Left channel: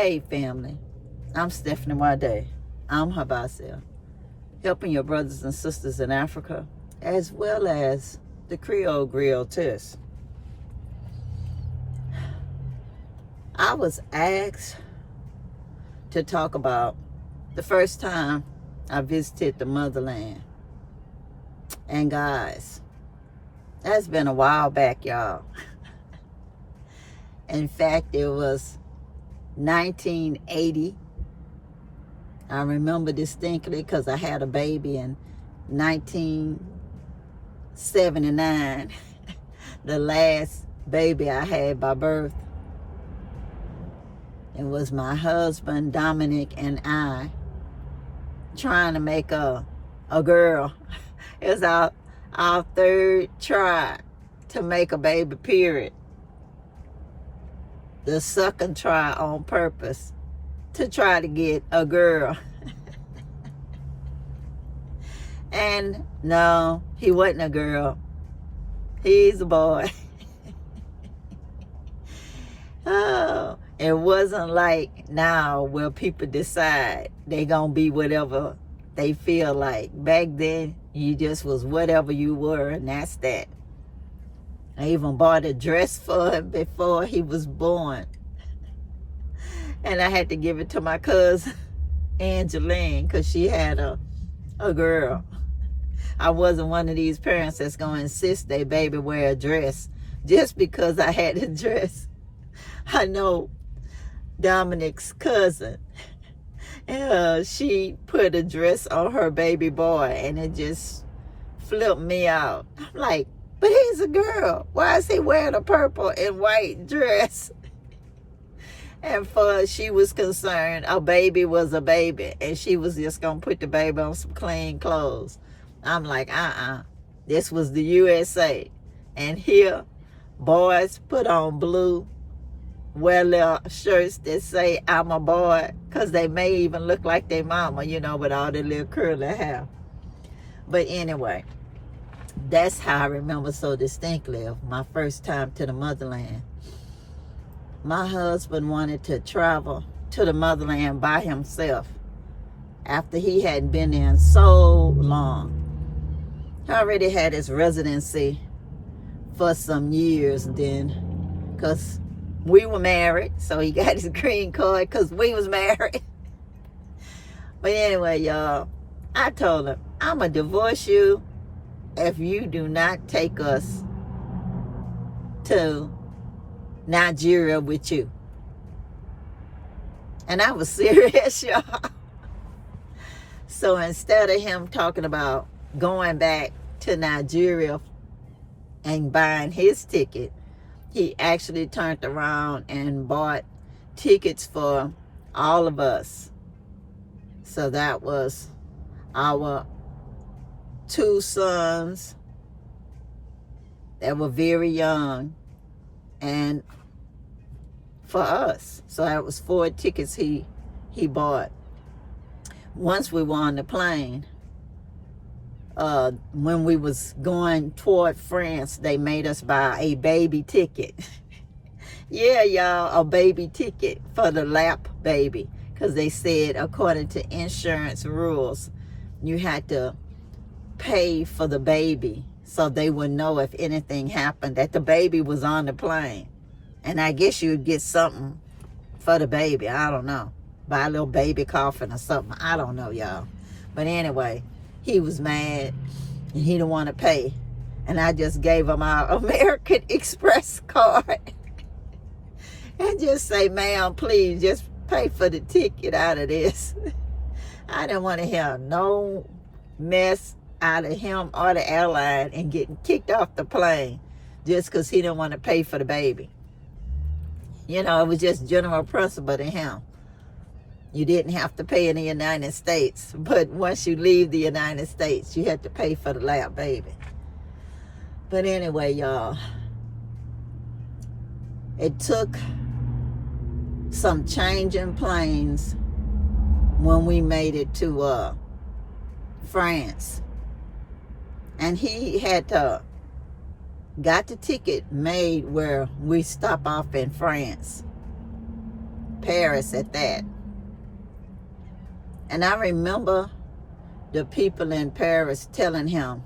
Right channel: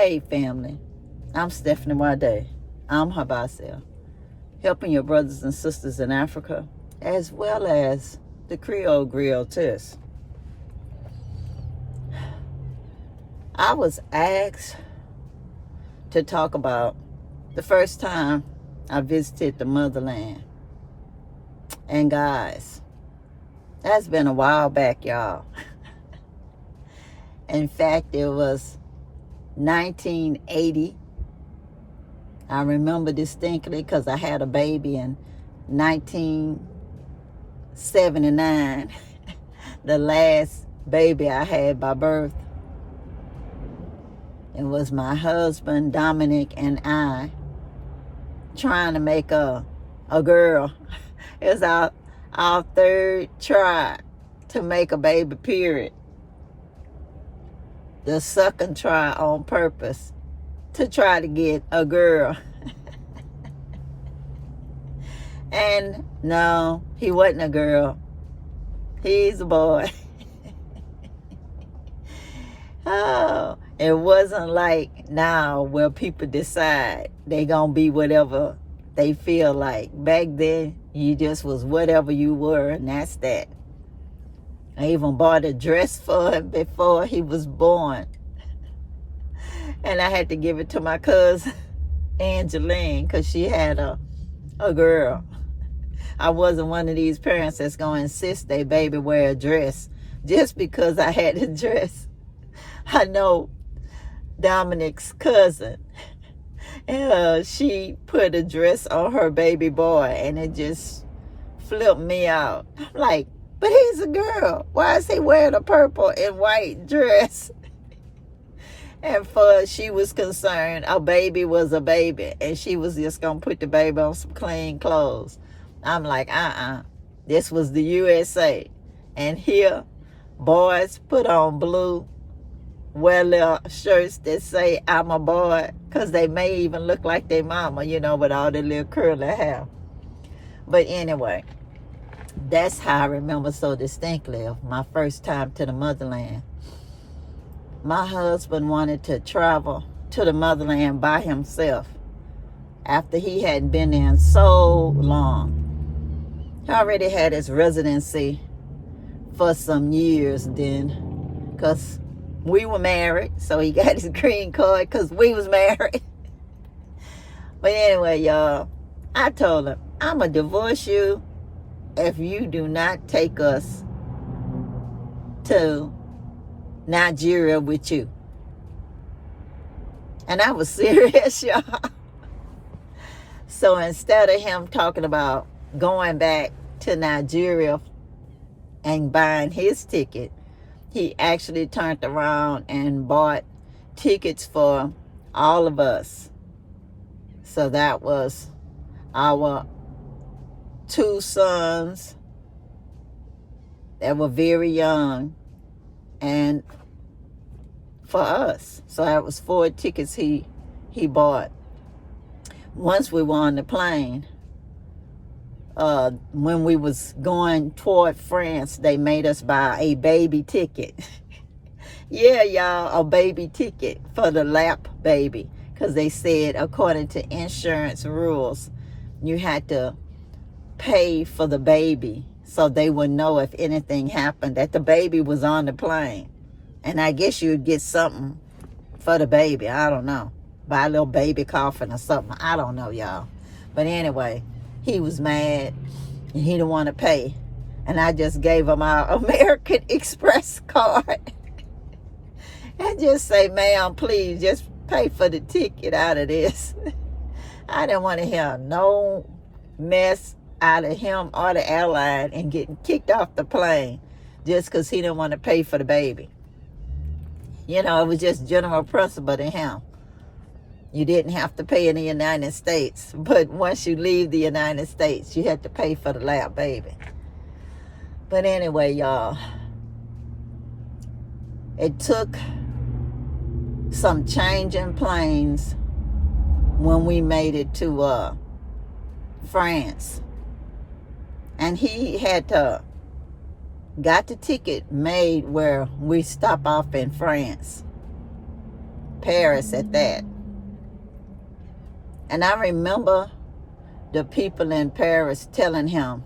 Hey family, I'm Stephanie Wade. I'm Habasel, helping your brothers and sisters in Africa, as well as the Creole Grill test. I was asked to talk about the first time I visited the Motherland. And guys, that's been a while back, y'all. In fact, it was 1980. I remember distinctly because I had a baby in 1979, the last baby I had by birth. It was my husband, Dominic, and I trying to make a girl. It was our third try to make a baby, period. The second try on purpose to try to get a girl. And no, he wasn't a girl. He's a boy. Oh, it wasn't like now where people decide they gonna be whatever they feel like. Back then, you just was whatever you were, and that's that. I even bought a dress for him before he was born. And I had to give it to my cousin, Angeline, because she had a girl. I wasn't one of these parents that's going to insist their baby wear a dress just because I had a dress. I know Dominic's cousin, she put a dress on her baby boy, and it just flipped me out. I'm like, but he's a girl. Why is he wearing a purple and white dress? And for she was concerned, a baby was a baby, and she was just going to put the baby on some clean clothes. I'm like, this was the USA. And here, boys put on blue, wear little shirts that say, I'm a boy, because they may even look like their mama, with all their little curly hair. But anyway, that's how I remember so distinctly of my first time to the Motherland. My husband wanted to travel to the Motherland by himself after he hadn't been there in so long. He already had his residency for some years then, because we were married, so he got his green card because we was married. But anyway, y'all, I told him, I'm going to divorce you if you do not take us to Nigeria with you. And I was serious, y'all. So instead of him talking about going back to Nigeria and buying his ticket, he actually turned around and bought tickets for all of us. So that was our two sons that were very young, and for us. So that was 4 tickets he bought. Once we were on the plane, when we was going toward France, they made us buy a baby ticket. Yeah, y'all, a baby ticket for the lap baby. Because they said, according to insurance rules, you had to pay for the baby so they would know if anything happened that the baby was on the plane. And I guess you'd get something for the baby. I don't know. Buy a little baby coffin or something. I don't know, y'all. But anyway, he was mad and he didn't want to pay. And I just gave him our American Express card. And just say, ma'am, please just pay for the ticket out of this. I didn't want to hear no mess out of him or the airline and getting kicked off the plane just because he didn't want to pay for the baby. It was just general principle to him. You didn't have to pay in the United States, but once you leave the United States, you had to pay for the lap baby. But anyway, y'all, it took some changing planes when we made it to France. And he had got the ticket made where we stop off in France. Paris at that. And I remember the people in Paris telling him,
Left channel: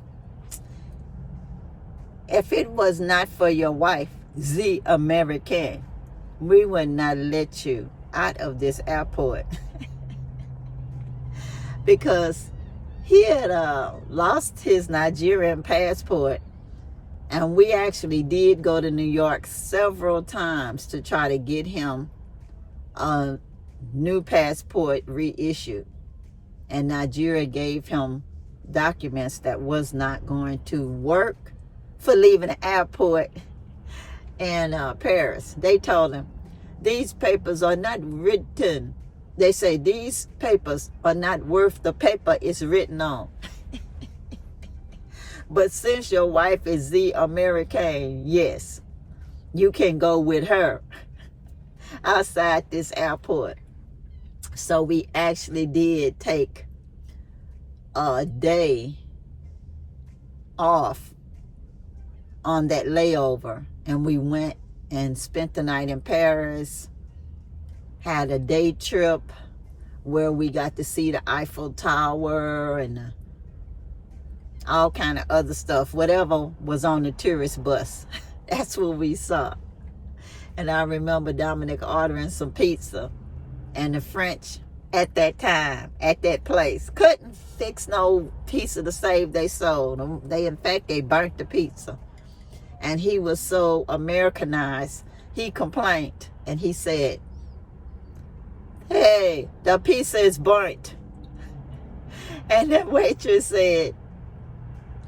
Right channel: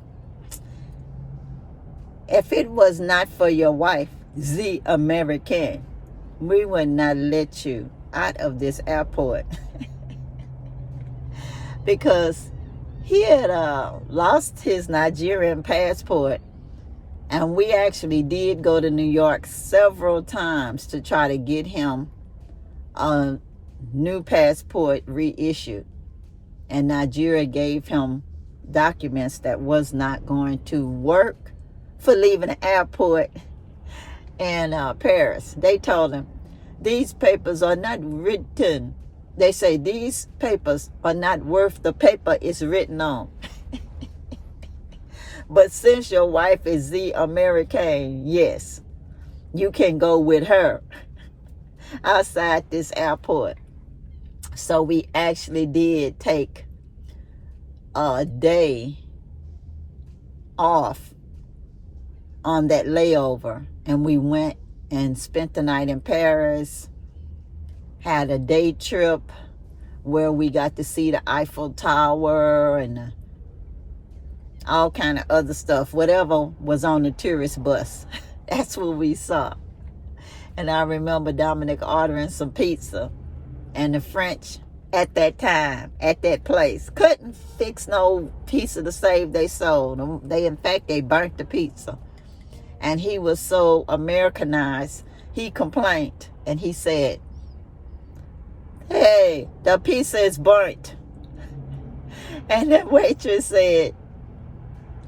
if it was not for your wife, the American, we would not let you out of this airport. Because he had lost his Nigerian passport, and we actually did go to New York several times to try to get him a new passport reissued. And Nigeria gave him documents that was not going to work for leaving the airport in Paris. They told him, these papers are not written. They say these papers are not worth the paper it's written on. But since your wife is the American, yes, you can go with her outside this airport. So we actually did take a day off on that layover, and we went and spent the night in Paris, had a day trip where we got to see the Eiffel Tower and all kind of other stuff, whatever was on the tourist bus. That's what we saw. And I remember Dominic ordering some pizza, and the French at that time, at that place, couldn't fix no pizza to save their soul. In fact, they burnt the pizza. And he was so Americanized, he complained, and he said, hey, the pizza is burnt. And the waitress said,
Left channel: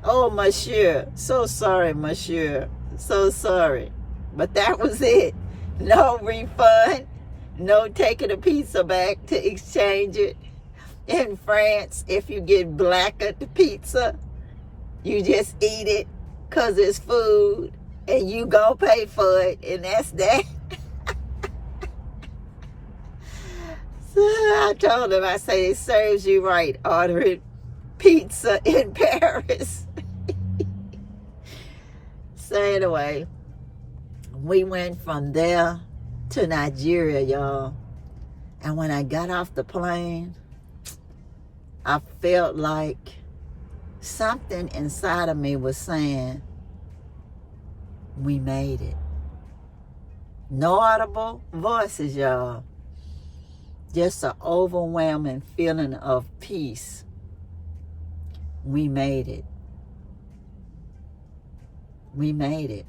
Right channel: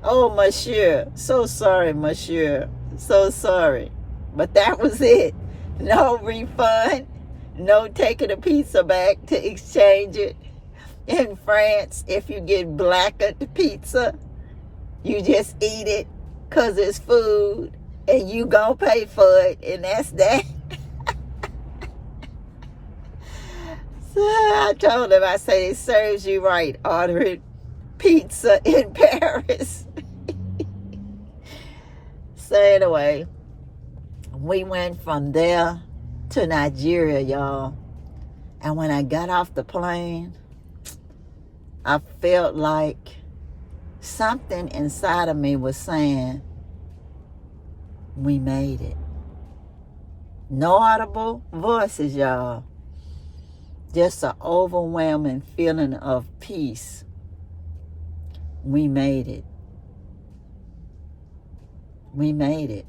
oh, monsieur, so sorry, monsieur, so sorry. But that was it. No refund, no taking the pizza back to exchange it. In France, if you get blackened pizza, you just eat it because it's food, and you gonna pay for it, and that's that. So I told him, I say, it serves you right ordering pizza in Paris. So anyway, we went from there to Nigeria, y'all. And when I got off the plane, I felt like something inside of me was saying, we made it. No audible voices, y'all. Just an overwhelming feeling of peace. We made it. We made it.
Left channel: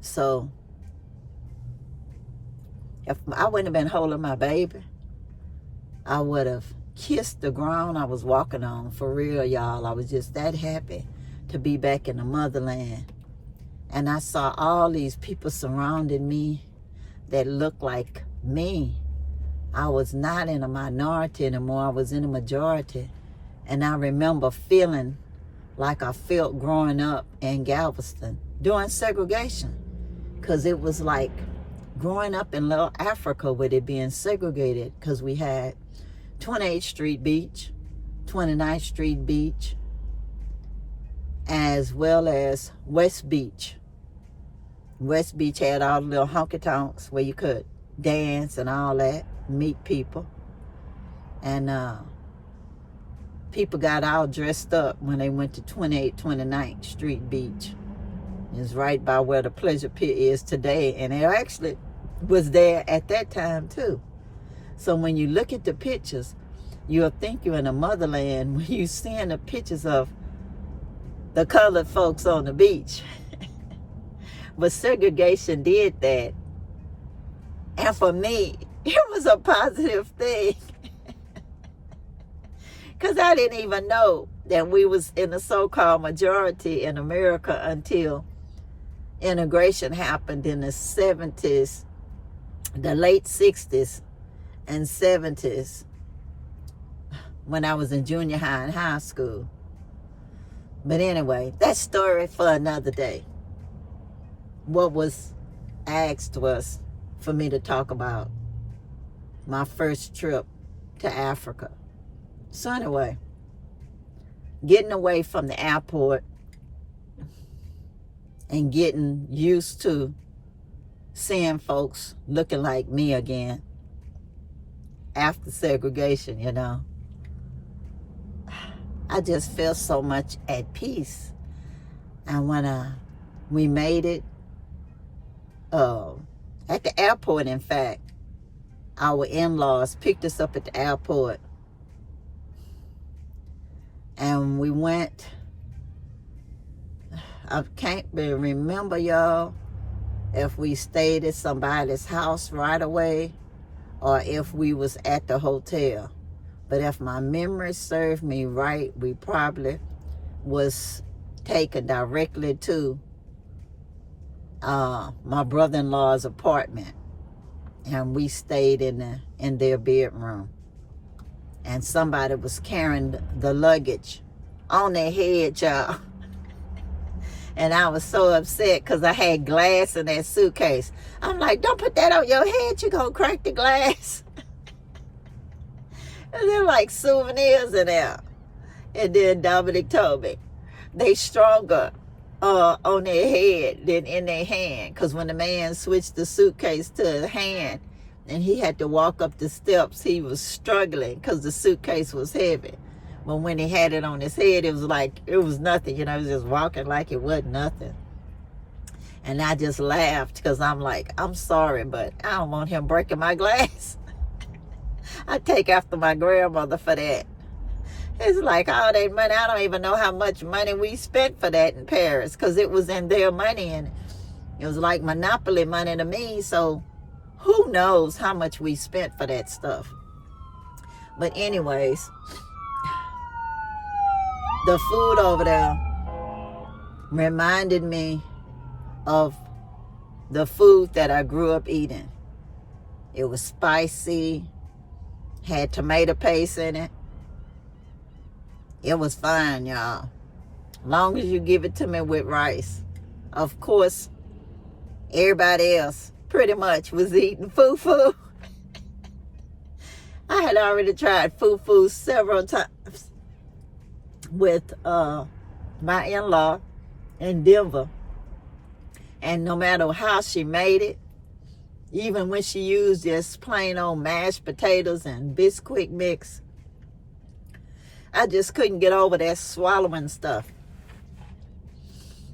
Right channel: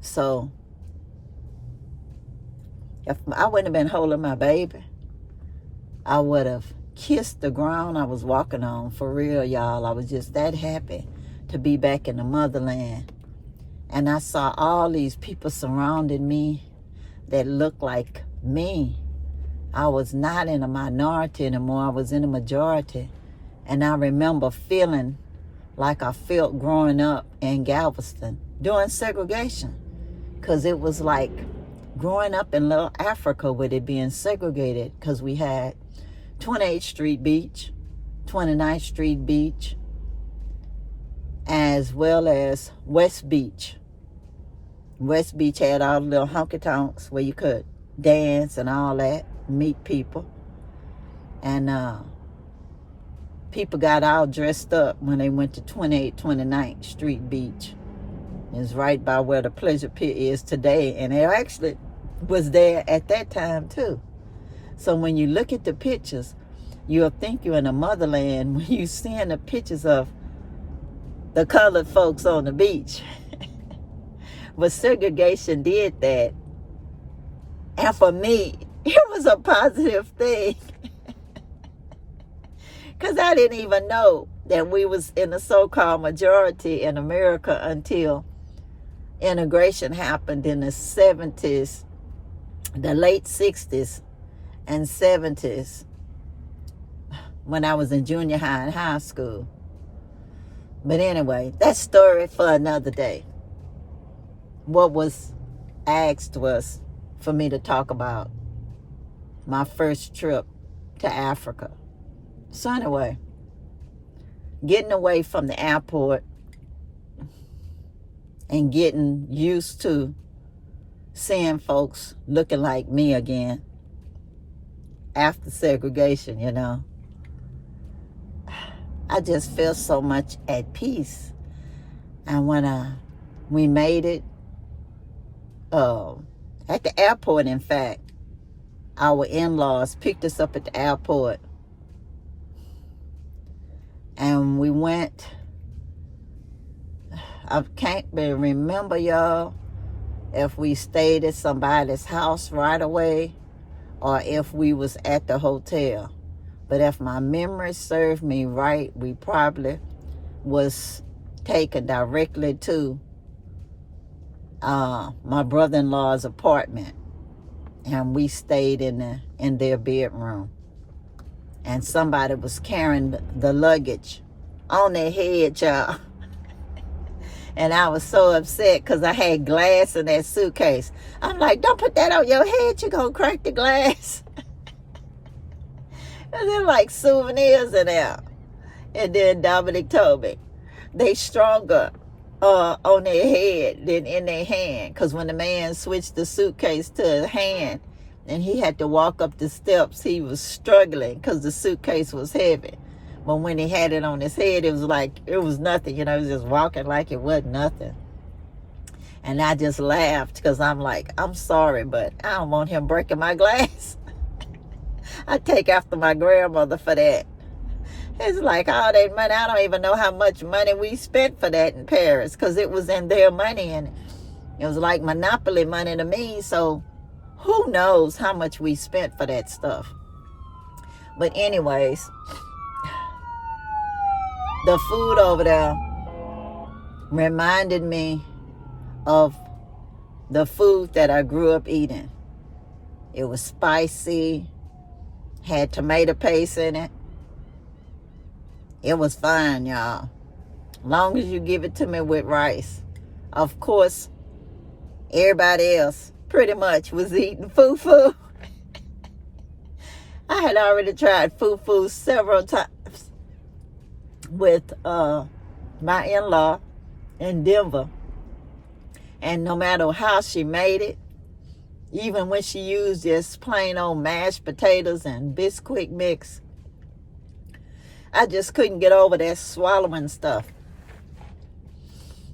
So, if I wouldn't have been holding my baby, I would have kissed the ground I was walking on, for real, y'all. I was just that happy to be back in the motherland. And I saw all these people surrounding me that looked like me. I was not in a minority anymore. I was in a majority. And I remember feeling like I felt growing up in Galveston during segregation. Because it was like growing up in Little Africa with it being segregated, because we had 28th Street Beach, 29th Street Beach, as well as West Beach. West Beach had all the little honky-tonks where you could dance and all that, meet people. And people got all dressed up when they went to 28th, 29th Street Beach. It's right by where the Pleasure Pit is today, and it actually was there at that time too. So when you look at the pictures, you'll think you're in the motherland when you're seeing the pictures of the colored folks on the beach. But segregation did that. And for me, it was a positive thing. Because I didn't even know that we was in a so-called majority in America until integration happened in the 70s, the late 60s and 70s, when I was in junior high and high school. But anyway, that story for another day. What was asked was for me to talk about my first trip to Africa. So anyway, getting away from the airport and getting used to seeing folks looking like me again after segregation, you know. I just feel so much at peace. And when we made it, at the airport, in fact, our in-laws picked us up at the airport. And we went, I can't remember, y'all, if we stayed at somebody's house right away or if we was at the hotel. But if my memory served me right, we probably was taken directly to my brother-in-law's apartment. And we stayed in their bedroom. And somebody was carrying the luggage on their head, y'all. And I was so upset because I had glass in that suitcase. I'm like, don't put that on your head. You're going to crack the glass. And they're like souvenirs in there. And then Dominic told me they stronger on their head than in their hand. Because when the man switched the suitcase to his hand and he had to walk up the steps, he was struggling because the suitcase was heavy. But when he had it on his head, it was like, it was nothing. You know, he was just walking like it wasn't nothing. And I just laughed because I'm like, I'm sorry, but I don't want him breaking my glass. I take after my grandmother for that. It's like all that money. I don't even know how much money we spent for that in Paris because it was in their money and it was like monopoly money to me. So who knows how much we spent for that stuff. But anyways, the food over there reminded me of the food that I grew up eating. It was spicy, had tomato paste in it. It was fine, y'all. Long as you give it to me with rice. Of course, everybody else pretty much was eating fufu. I had already tried fufu several times with my in-law in Denver. And no matter how she made it, even when she used just plain old mashed potatoes and Bisquick mix, I just couldn't get over that swallowing stuff.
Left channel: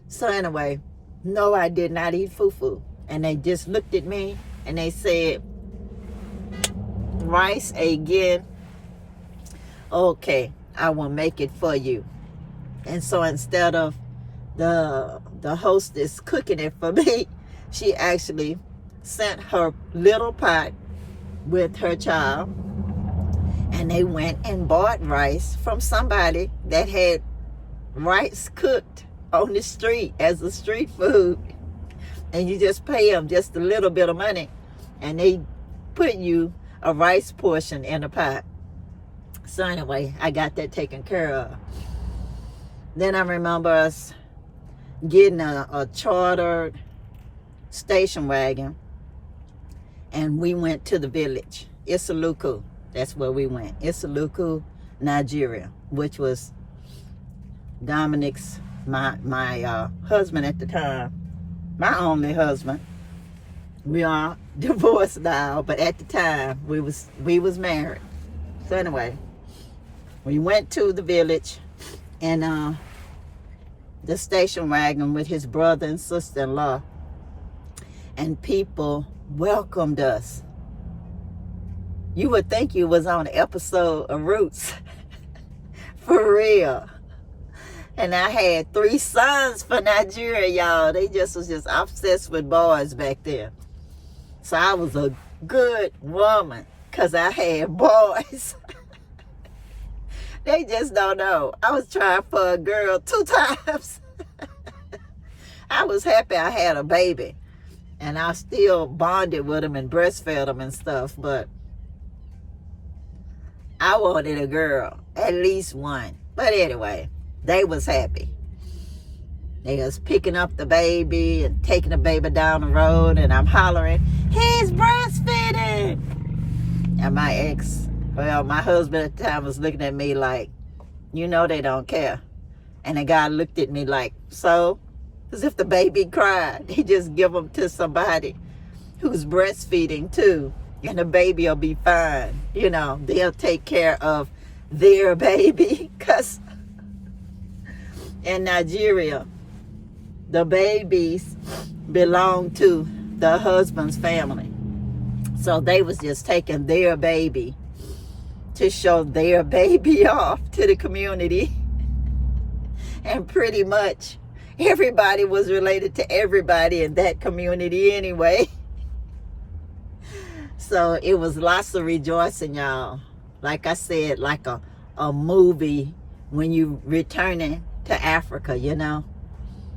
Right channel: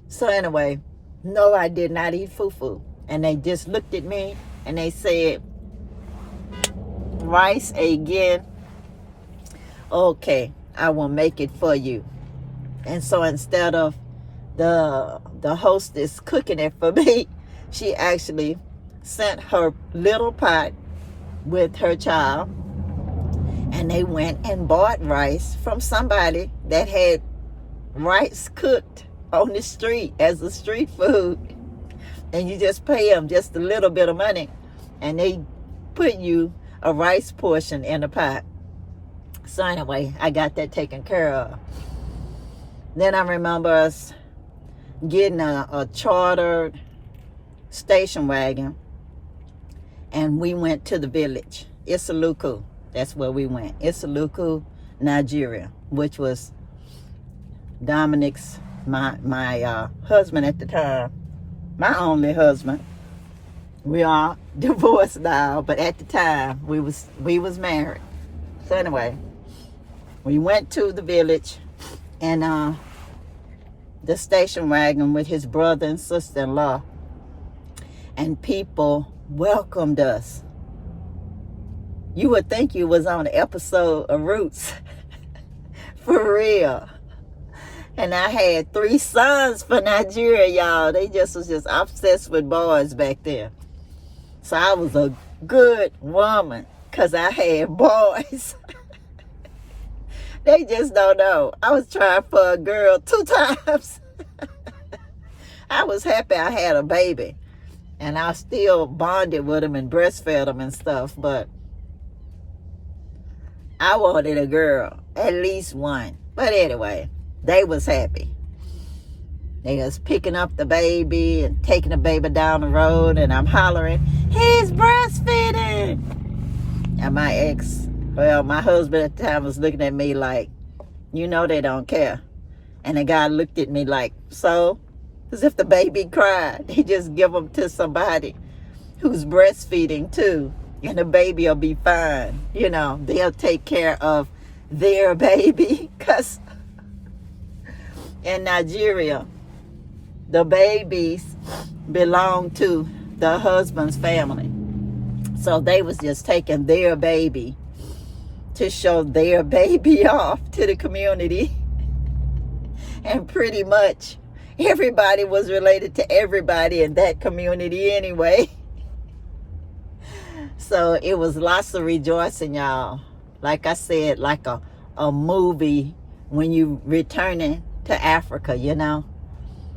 So anyway, no, I did not eat fufu. And they just looked at me and they said, rice again? Okay, I will make it for you. And so instead of the hostess cooking it for me, she actually sent her little pot with her child, and they went and bought rice from somebody that had rice cooked on the street as a street food, and you just pay them just a little bit of money and they put you a rice portion in a pot. So anyway, I got that taken care of. Then I remember us getting a chartered station wagon, and we went to the village, Isaluku. That's where we went, Isaluku, Nigeria, which was Dominic's, my husband at the time, my only husband. We are divorced now, but at the time we was married. So anyway, we went to the village, and the station wagon with his brother and sister-in-law, and people welcomed us. You would think you was on an episode of Roots. For real. And I had 3 sons for Nigeria, y'all. They was just obsessed with boys back then. So I was a good woman because I had boys. They just don't know. I was trying for a girl 2 times. I was happy I had a baby. And I still bonded with him and breastfed him and stuff. But I wanted a girl. At least one. But anyway, they was happy. They was picking up the baby and taking the baby down the road. And I'm hollering, he's breastfeeding. And my husband at the time was looking at me like, you know they don't care. And the guy looked at me like, so? As if the baby cried. He just give them to somebody who's breastfeeding too, and the baby will be fine. You know, they'll take care of their baby, because in Nigeria, the babies belong to the husband's family. So they was just taking their baby to show their baby off to the community. And pretty much everybody was related to everybody in that community anyway. So it was lots of rejoicing, y'all. Like I said, like a movie when you returning to Africa, you know.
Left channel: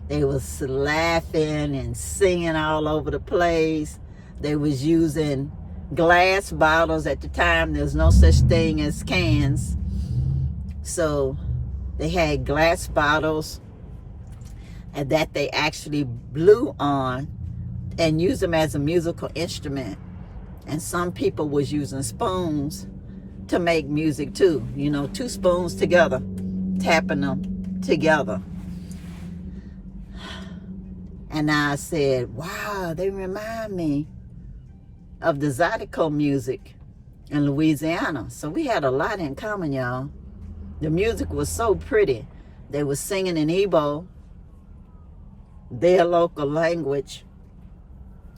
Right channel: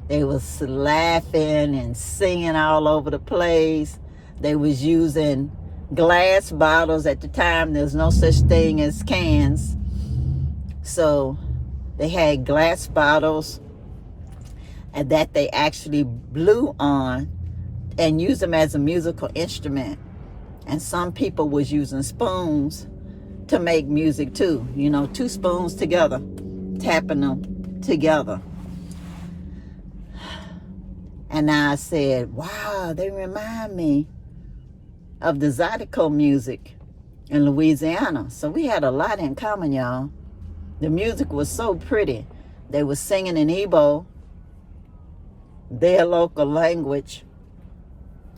They was laughing and singing all over the place. They was using glass bottles. At the time, there's no such thing as cans. So they had glass bottles and that they actually blew on and used them as a musical instrument. And some people was using spoons to make music too. You know, two spoons together, tapping them together. And I said, wow, they remind me of the Zydeco music in Louisiana. So we had a lot in common, y'all. The music was so pretty. They were singing in Igbo, their local language.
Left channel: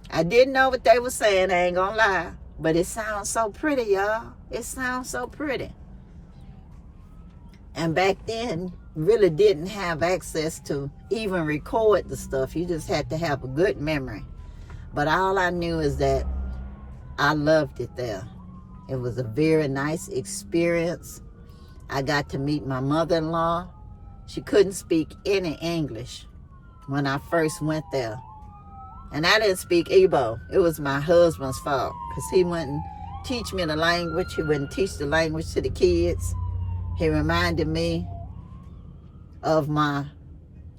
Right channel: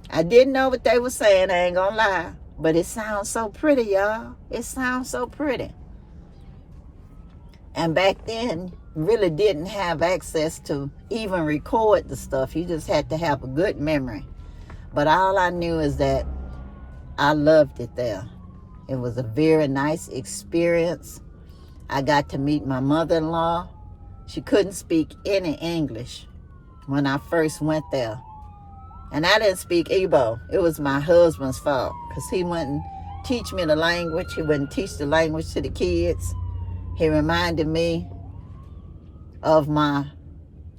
I didn't know what they were saying, I ain't gonna lie. But it sounds so pretty, y'all. It sounds so pretty. And back then, really didn't have access to even record the stuff. You just had to have a good memory. But all I knew is that I loved it there. It was a very nice experience. I got to meet my mother-in-law. She couldn't speak any English when I first went there. And I didn't speak Igbo. It was my husband's fault, because he wouldn't teach me the language. He wouldn't teach the language to the kids. He reminded me of my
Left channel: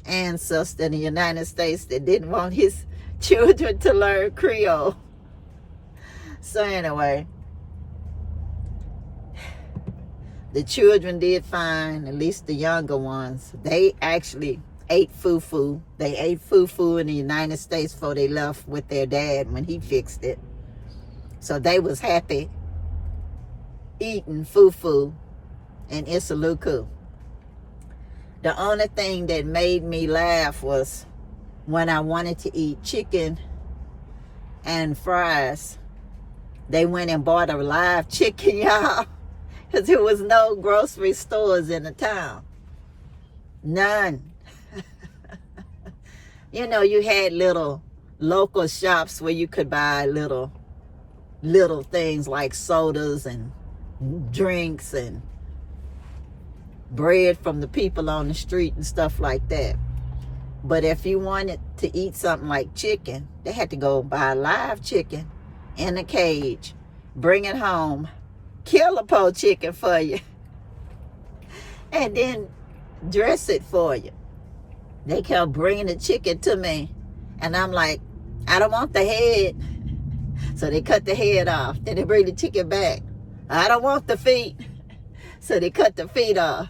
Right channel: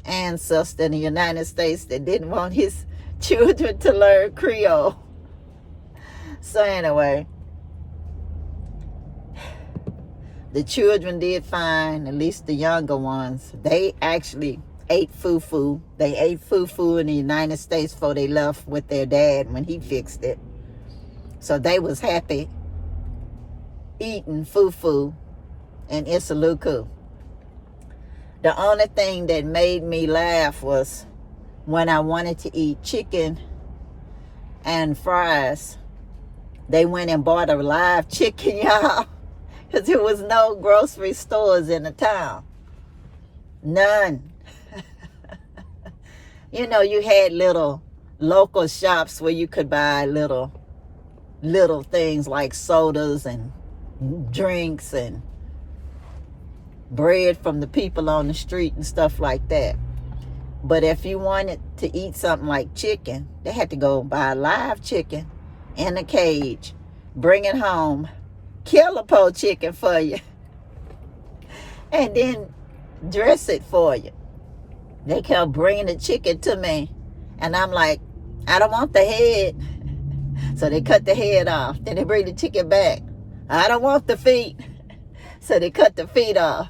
ancestor in the United States that didn't want his children to learn Creole. So anyway, the children did fine, at least the younger ones. They actually ate fufu. They ate fufu in the United States before they left with their dad when he fixed it. So they was happy eating fufu in Isaluku. The only thing that made me laugh was when I wanted to eat chicken and fries. They went and bought a live chicken, y'all, because there was no grocery stores in the town. None. You know, you had little local shops where you could buy little things like sodas and drinks and bread from the people on the street and stuff like that. But if you wanted to eat something like chicken, they had to go buy a live chicken in a cage, bring it home, kill a po chicken for you, and then dress it for you. They kept bringing the chicken to me, and I'm like, I don't want the head. So they cut the head off. Then they bring the chicken back. I don't want the feet. So they cut the feet off.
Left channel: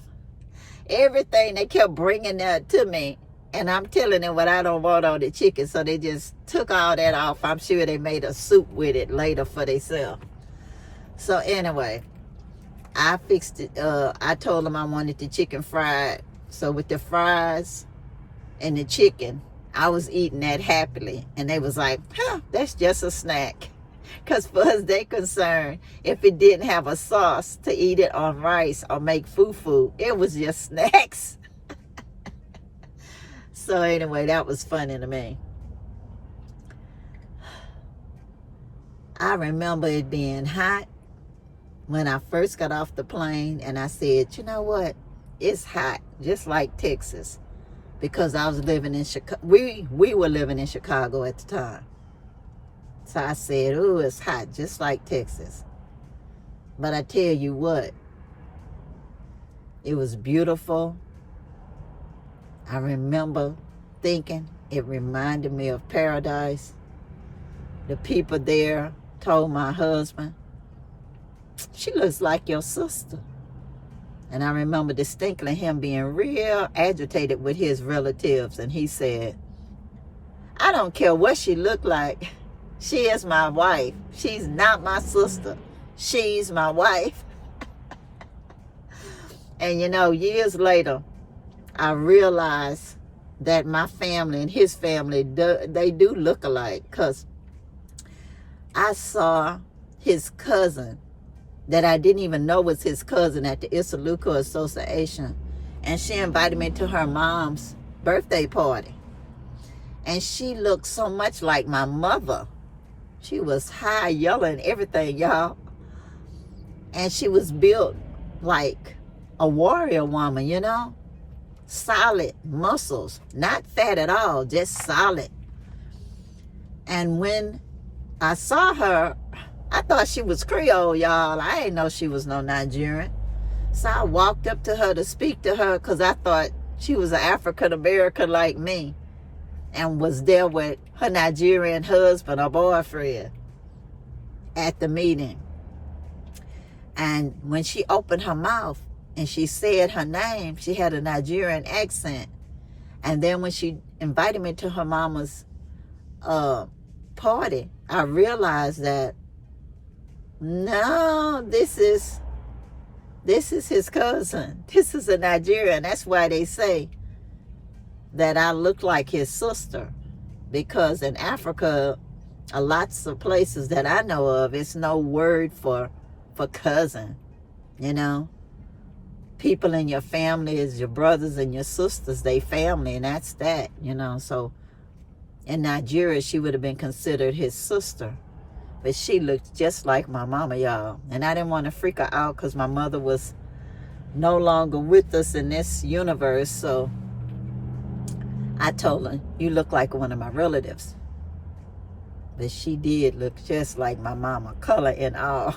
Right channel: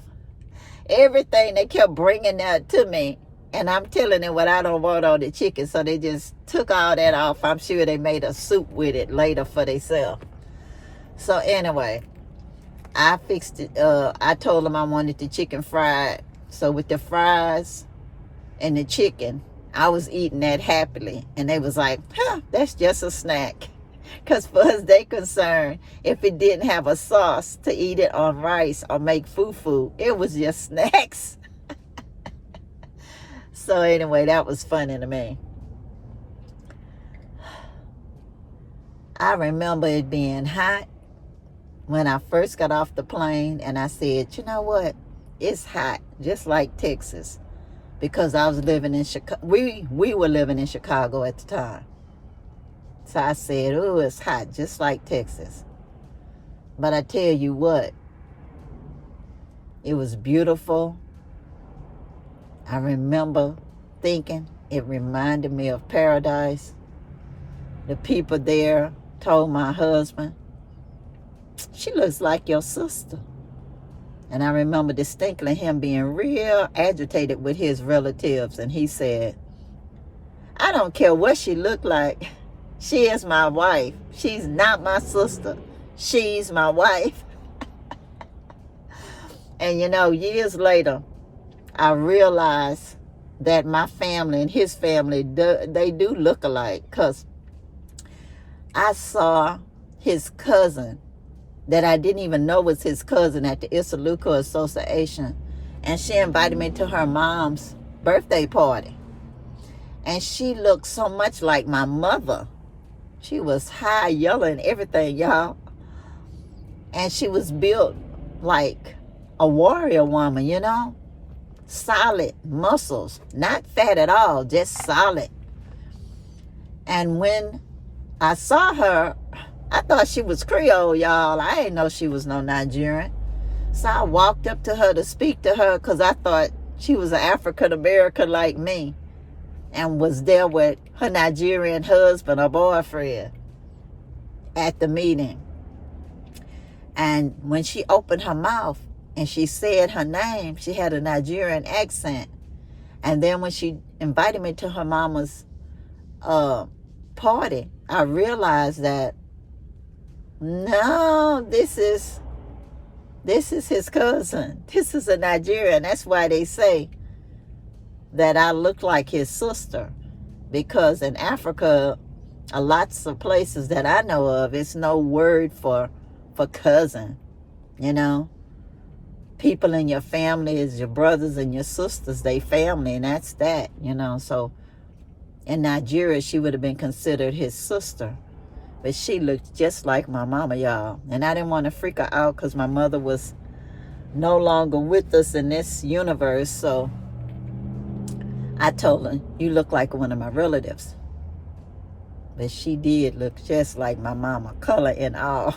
Everything, they kept bringing that to me, and I'm telling them what I don't want on the chicken. So they just took all that off. I'm sure they made a soup with it later for themselves. So anyway, I fixed it. I told them I wanted the chicken fried. So with the fries and the chicken, I was eating that happily. And they was like, that's just a snack. Because for us, they concerned, if it didn't have a sauce to eat it on rice or make fufu, it was just snacks. So anyway, that was funny to me. I remember it being hot when I first got off the plane, and I said, you know what? It's hot, just like Texas. Because I was living in Chicago. We were living in Chicago at the time. So I said, oh, it's hot, just like Texas. But I tell you what, it was beautiful. I remember thinking it reminded me of paradise. The people there told my husband, she looks like your sister. And I remember distinctly him being real agitated with his relatives. And he said, I don't care what she looked like. She is my wife. She's not my sister. She's my wife. And you know, years later, I realized that my family and his family, they do look alike. Because I saw his cousin that I didn't even know was his cousin at the Isaluka Association. And she invited me to her mom's birthday party. And she looked so much like my mother. She was high, yellow, and everything, y'all. And she was built like a warrior woman, you know? Solid muscles, not fat at all, just solid. And when I saw her, I thought she was Creole, y'all. I didn't know she was no Nigerian. So I walked up to her to speak to her because I thought she was an African American like me and was there with her Nigerian husband or boyfriend at the meeting. And when she opened her mouth and she said her name, she had a Nigerian accent. And then when she invited me to her mama's party, I realized that, no, this is his cousin. This is a Nigerian. That's why they say that I look like his sister. Because in Africa, lots of places that I know of, it's no word for cousin, you know. People in your family is your brothers and your sisters, they family, and that's that, you know. So in Nigeria, she would have been considered his sister. But she looked just like my mama, y'all. And I didn't want to freak her out because my mother was no longer with us in this universe. So I told her, you look like one of my relatives. But she did look just like my mama, color and all.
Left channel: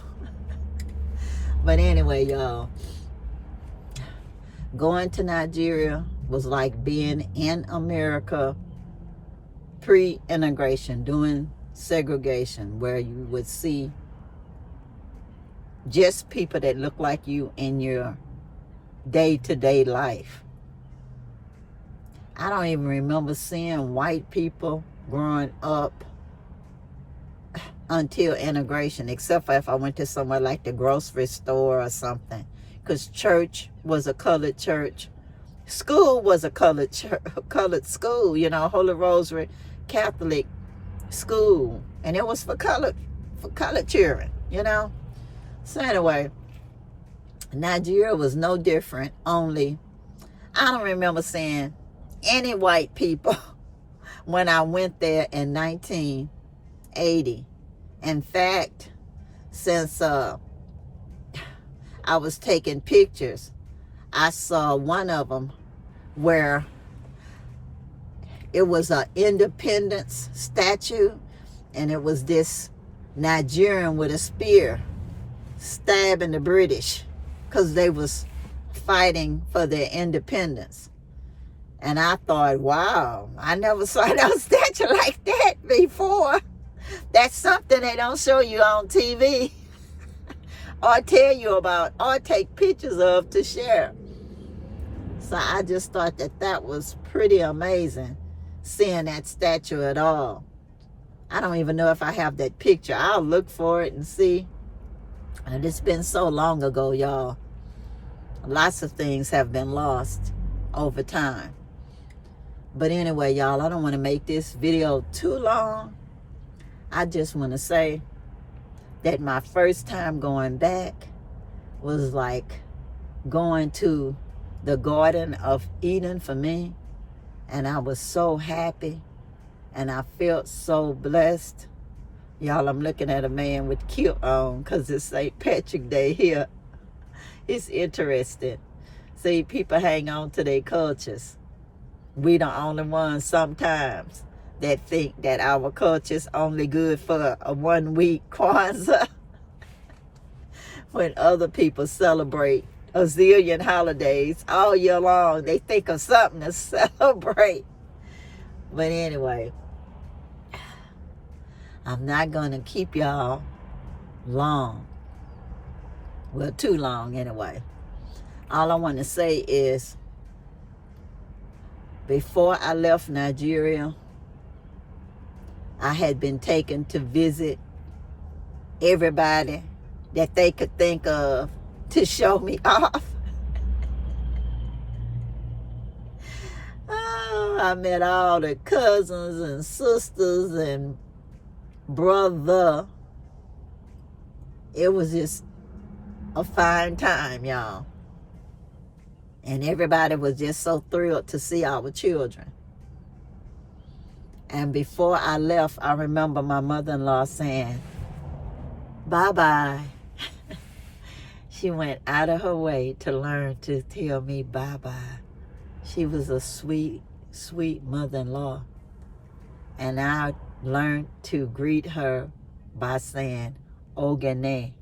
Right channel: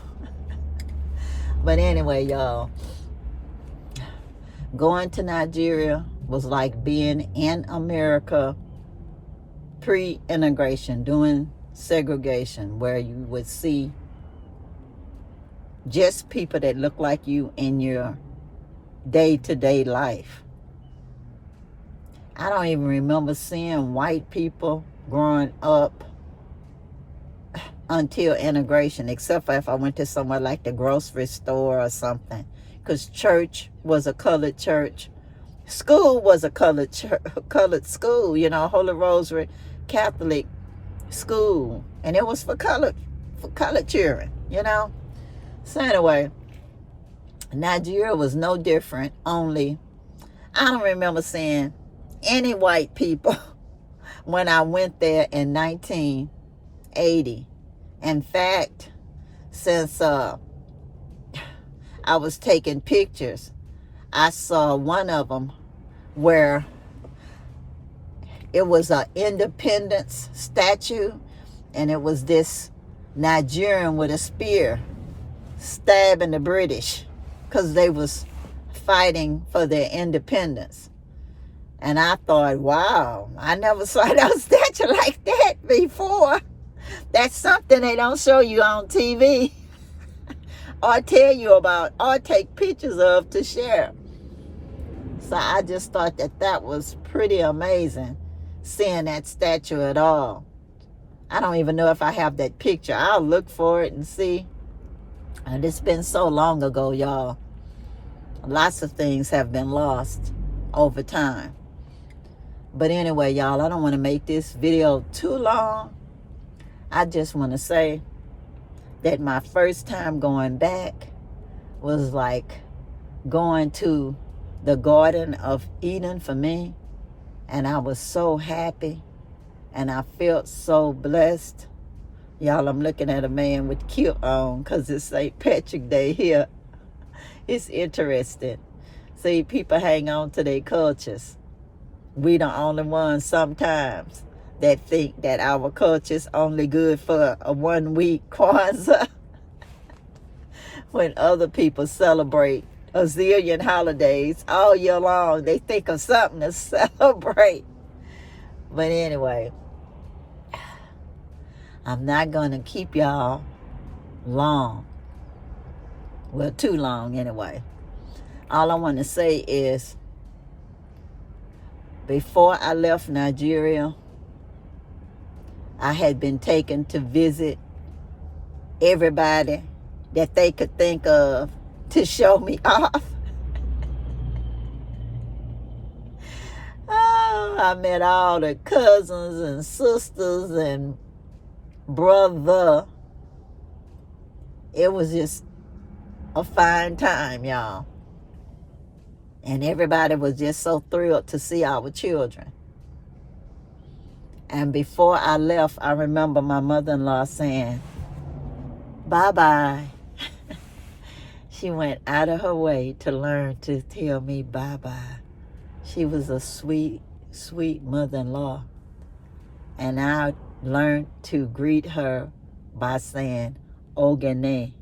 But anyway, y'all, going to Nigeria was like being in America pre-integration, doing segregation, where you would see just people that look like you in your day-to-day life. I don't even remember seeing white people growing up until integration, except for if I went to somewhere like the grocery store or something, because church was a colored church, school was a colored school, you know, Holy Rosary Catholic school, and it was for colored children, you know. So anyway, Nigeria was no different, only I don't remember seeing any white people when I went there in 1980. In fact, since I was taking pictures, I saw one of them where it was an independence statue, and it was this Nigerian with a spear stabbing the British because they was fighting for their independence. And I thought, wow, I never saw no statue like that before. That's something they don't show you on TV or tell you about or take pictures of to share. So I just thought that was pretty amazing, seeing that statue at all. I don't even know if I have that picture. I'll look for it and see. And it's been so long ago, y'all. Lots of things have been lost over time. But anyway, y'all, I don't want to make this video too long. I just want to say that my first time going back was like going to the Garden of Eden for me. And I was so happy. And I felt so blessed. Y'all, I'm looking at a man with kilt on because it's St. Patrick's Day here. It's interesting. See, people hang on to their cultures. We the only ones sometimes that think that our culture's only good for a 1 week Kwanzaa. When other people celebrate a zillion holidays all year long, they think of something to celebrate. But anyway, I'm not going to keep y'all long. Well, too long anyway. All I want to say is, before I left Nigeria, I had been taken to visit everybody that they could think of to show me off. Oh, I met all the cousins and sisters and brother. It was just a fine time, y'all. And everybody was just so thrilled to see our children. And before I left, I remember my mother-in-law saying, bye-bye. She went out of her way to learn to tell me bye-bye. She was a sweet, sweet mother-in-law. And I learned to greet her by saying, Ogene.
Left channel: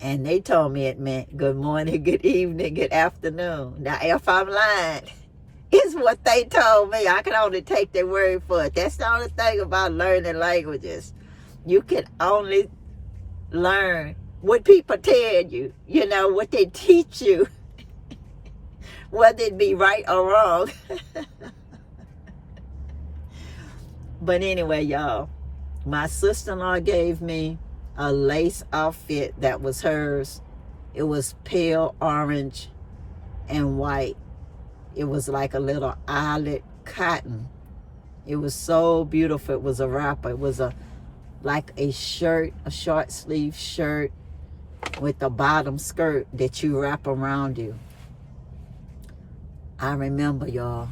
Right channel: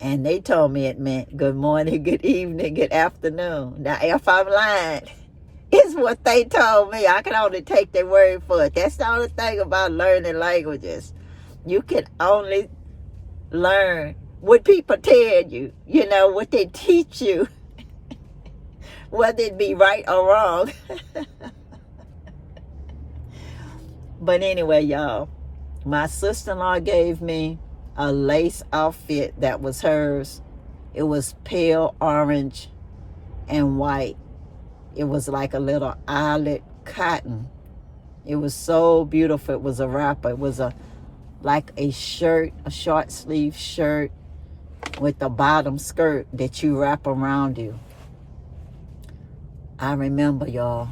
And they told me it meant good morning, good evening, good afternoon. Now, if I'm lying, it's what they told me. I can only take their word for it. That's the only thing about learning languages. You can only learn what people tell you, you know, what they teach you, whether it be right or wrong. But anyway, y'all, my sister-in-law gave me a lace outfit that was hers. It was pale orange and white. It was like a little eyelet cotton. It was so beautiful. It was a wrapper. It was like a shirt, a short sleeve shirt with a bottom skirt that you wrap around you. I remember, y'all,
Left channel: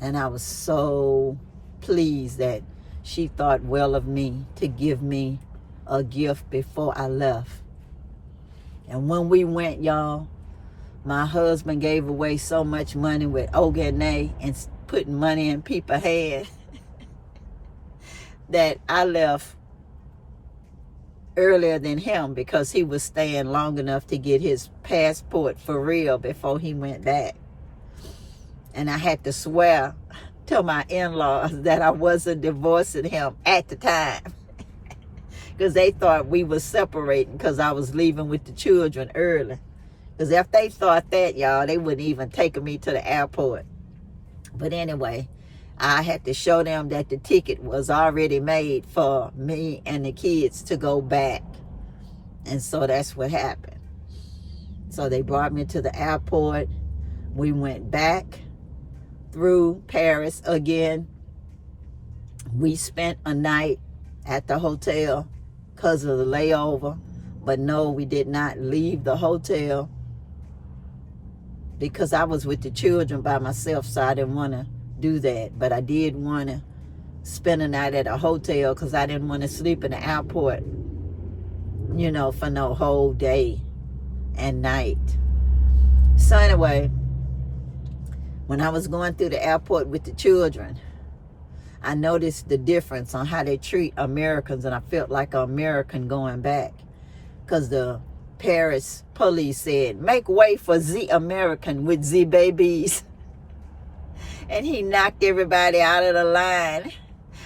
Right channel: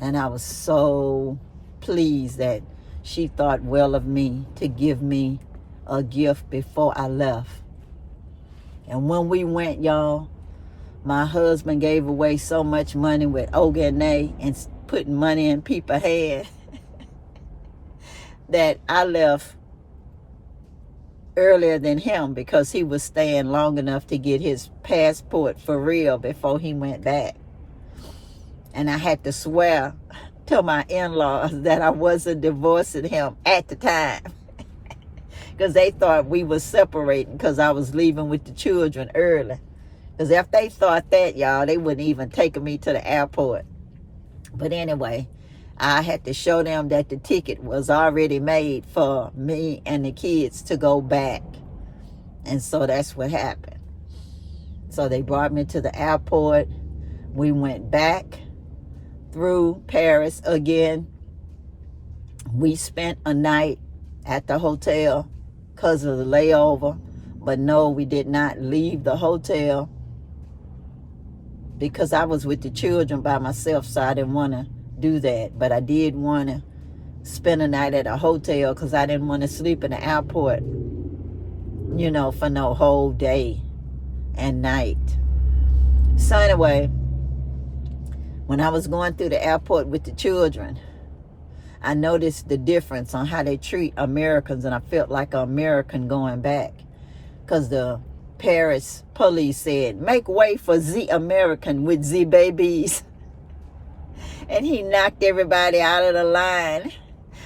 and I was so pleased that she thought well of me to give me a gift before I left. And when we went, y'all, my husband gave away so much money with Ogene and putting money in people's hands that I left earlier than him because he was staying long enough to get his passport for real before he went back. And I had to swear to my in-laws that I wasn't divorcing him at the time because they thought we were separating because I was leaving with the children early. Because if they thought that, y'all, they wouldn't even take me to the airport. But anyway, I had to show them that the ticket was already made for me and the kids to go back. And so that's what happened. So they brought me to the airport. We went back through Paris again. We spent a night at the hotel because of the layover. But no, we did not leave the hotel because I was with the children by myself, so I didn't want to do that. But I did want to spend a night at a hotel because I didn't want to sleep in the airport, you know, for no whole day and night. So anyway, when I was going through the airport with the children, I noticed the difference on how they treat Americans, and I felt like an American going back because the Paris police said, make way for the American with the babies. And he knocked everybody out of the line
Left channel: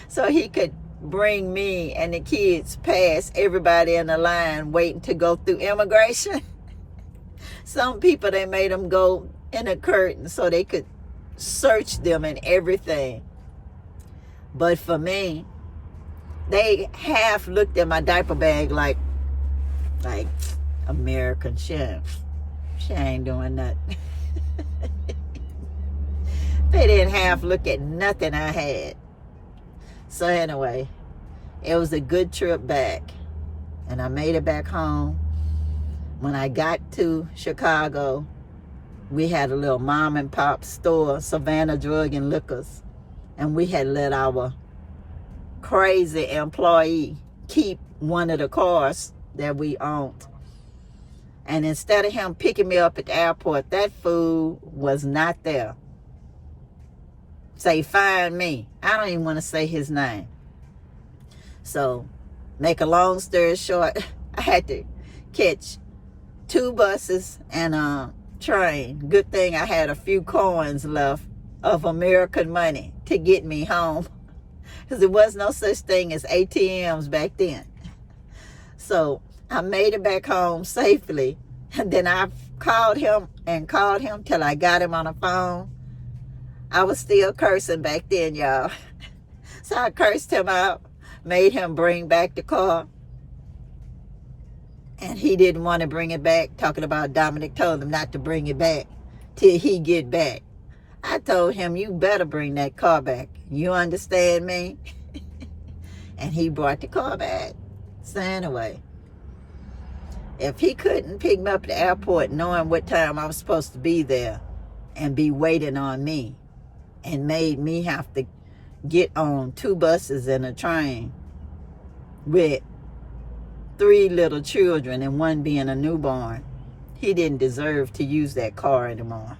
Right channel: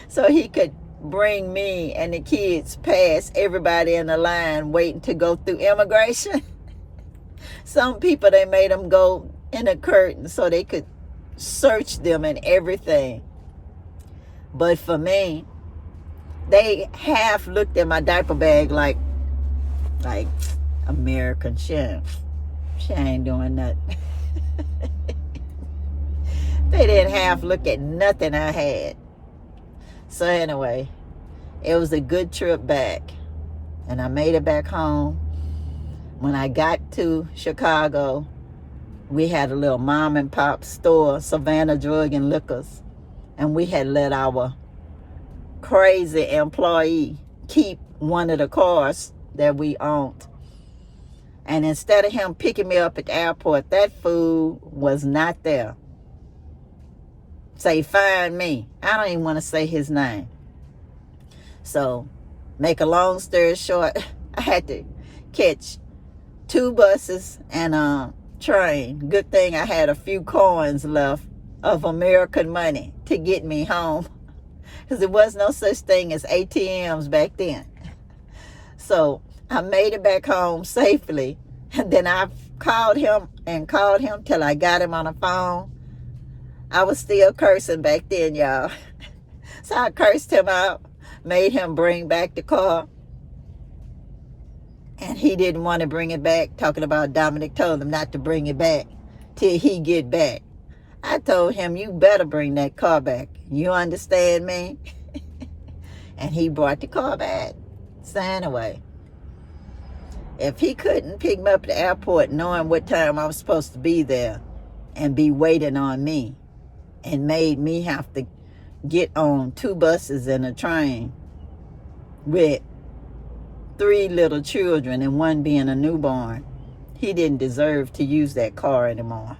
so he could bring me and the kids past everybody in the line waiting to go through immigration. Some people, they made them go in a curtain so they could search them and everything. But for me, they half looked at my diaper bag like American. She ain't doing nothing. They didn't half look at nothing I had. So anyway, it was a good trip back. And I made it back home. When I got to Chicago, we had a little mom and pop store, Savannah Drug and Liquors. And we had let our crazy employee keep one of the cars that we owned. And instead of him picking me up at the airport, that fool was not there. Say, find me. I don't even want to say his name. So, make a long story short, I had to catch 2 buses and a train. Good thing I had a few coins left of American money to get me home, because there was no such thing as ATMs back then. So I made it back home safely, and then I called him till I got him on the phone. I was still cursing back then, y'all. So I cursed him out, made him bring back the car. And he didn't want to bring it back, talking about Dominic told him not to bring it back till he get back. I told him, you better bring that car back. You understand me? And he brought the car back. So anyway, if he couldn't pick me up at the airport knowing what time I was supposed to be there and be waiting on me and made me have to get on 2 buses and a train with 3 little children and 1 being a newborn, he didn't deserve to use that car anymore.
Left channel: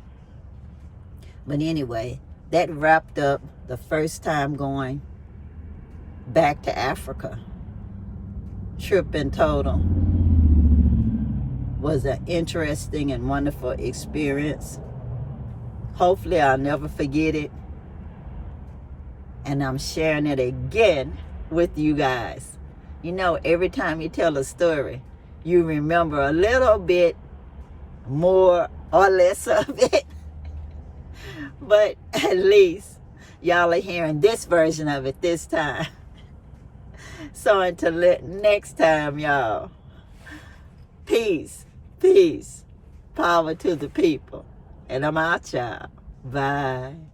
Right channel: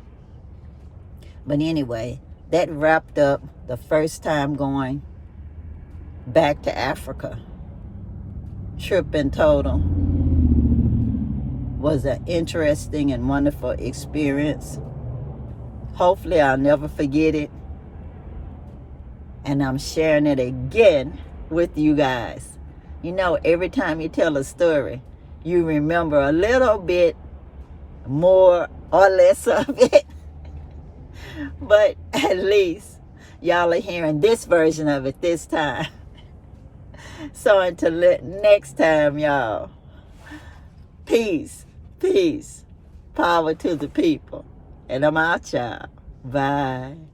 But anyway, that wrapped up the first time going back to Africa. Trip in total was an interesting and wonderful experience. Hopefully I'll never forget it. And I'm sharing it again with you guys. You know, every time you tell a story, you remember a little bit more or less of it. But at least y'all are hearing this version of it this time. So until next time, y'all, peace, peace, power to the people. And I'm out, y'all. Bye.